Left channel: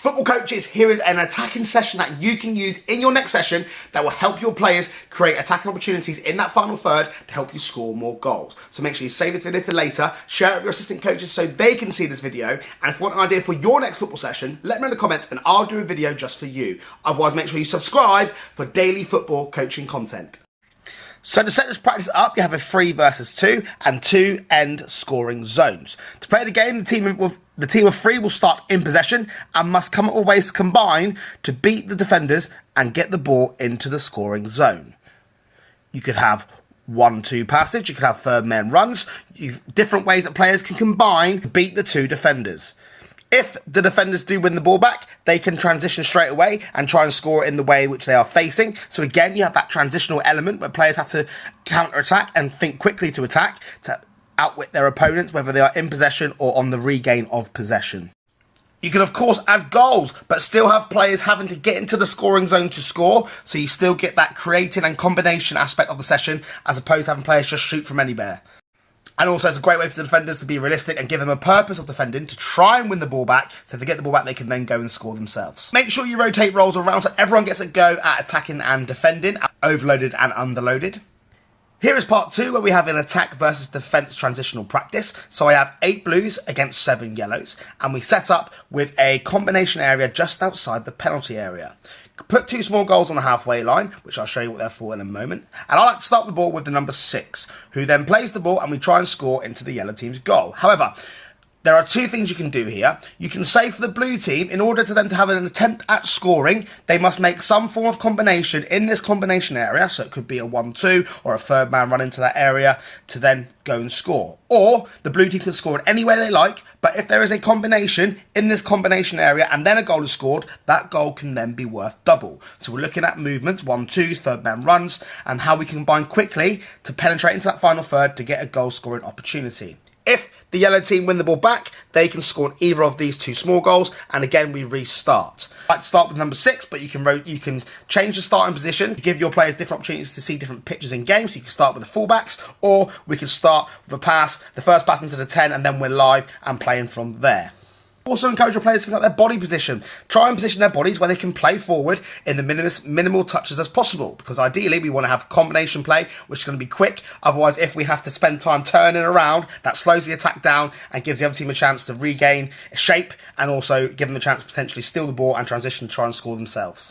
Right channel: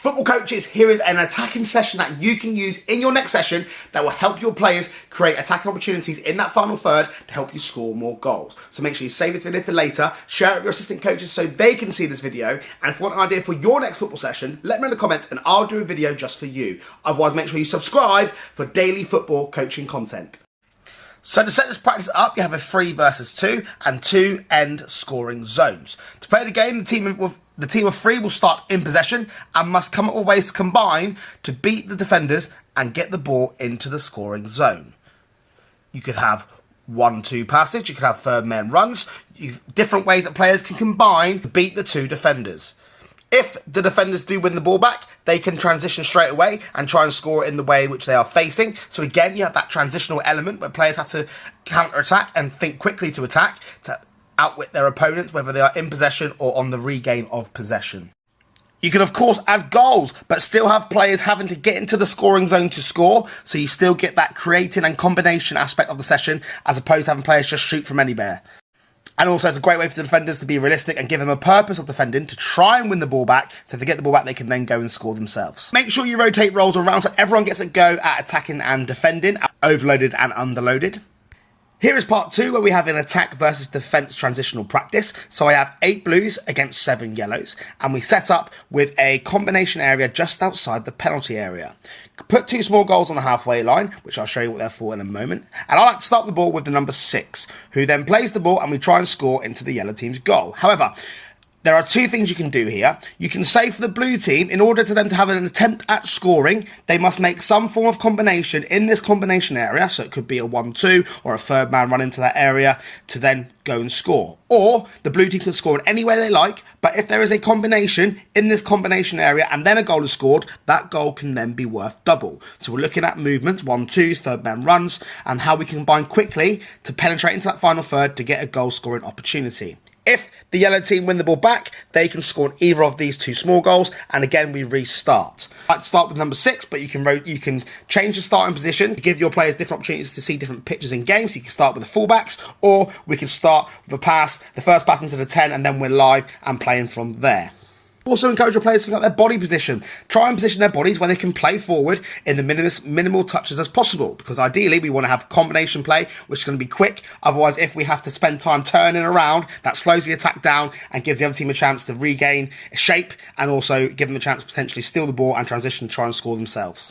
Football coaches, here is an attacking session that you can use in your next session that will help your players create attacking opportunities in that final third to help you score more goals. So make sure you save this video for later, share it with your assistant coaches so they can see this video, and if you want an idea for your next football session, let me know in the comments and I'll do a video just for you. Otherwise, make sure you subscribe for daily football coaching content. So to set this practice up, you have a 3 versus 2 and 2 end scoring zones. To play the game, the team of 3 will start in possession and must come up with ways to combine to beat the defenders and get the ball into the scoring zone. You could have 1-2 passage, you could have third man runs, different ways that players can combine to beat the 2 defenders. If the defenders do win the ball back, they can transition straight away and try and score it in the way which they are facing. So again, you have that transitional element where players have to counter-attack and think quickly to attack to outwit their opponents, whether they are in possession or on the regain of possession. You can, of course, add goals, but still have players having to get into the scoring zone to score, so you still get that creating and combination aspect of the session, as opposed to having players just shoot from anywhere. And also, it's a great way for the defenders to be realistic and give them a purpose of defending to try and win the ball back. So if they get the ball back, they can then go and score themselves. Make sure you rotate roles around so everyone gets a go at attacking and defending, overloaded and underloaded. Here is part 2 where we have an attack versus defence transitional practice. So I have 8 blues against 7 yellows, and we set up with a combination area just outside the penalty area. Put 2 small goals on the halfway line, which I'll show you what they're for in a moment. And I like to start the ball with the number 6, who then plays the ball and we try and score into the yellow team's goal. However, there are 2 things you can do here. You can say for the blue team, in order to them to have an attempt at scoring, they must make some form of combination in this combination area. So it could be a 1-2 or a third man run into that area to then go and score. Or the blue team can score in any way they like, but if there is a combination in this combination area and then a goal is scored, that goal can then be worth double. So we're looking at movements, 1-2s, third man runs, and how we can combine quickly to penetrate into that final third to get a goal scoring opportunity. If the yellow team win the ball back, they can score on either of these 2 small goals, and again we restart. I like to start with number 6, but you can change the starting position to give your players different opportunities to see different pitches in games. So you can start with the fullbacks, or we can start with a pass, the first pass into the 10, and then we're live and playing from there. Also encourage your players to look at their body position. Try and position their bodies where they can play forward in the minimal touches as possible, because ideally we want to have combination play, which is going to be quick. Otherwise, if we have to spend time turning around, that slows the attack down and gives the other team a chance to regain shape and also give them a chance to potentially steal the ball and transition to try and score themselves.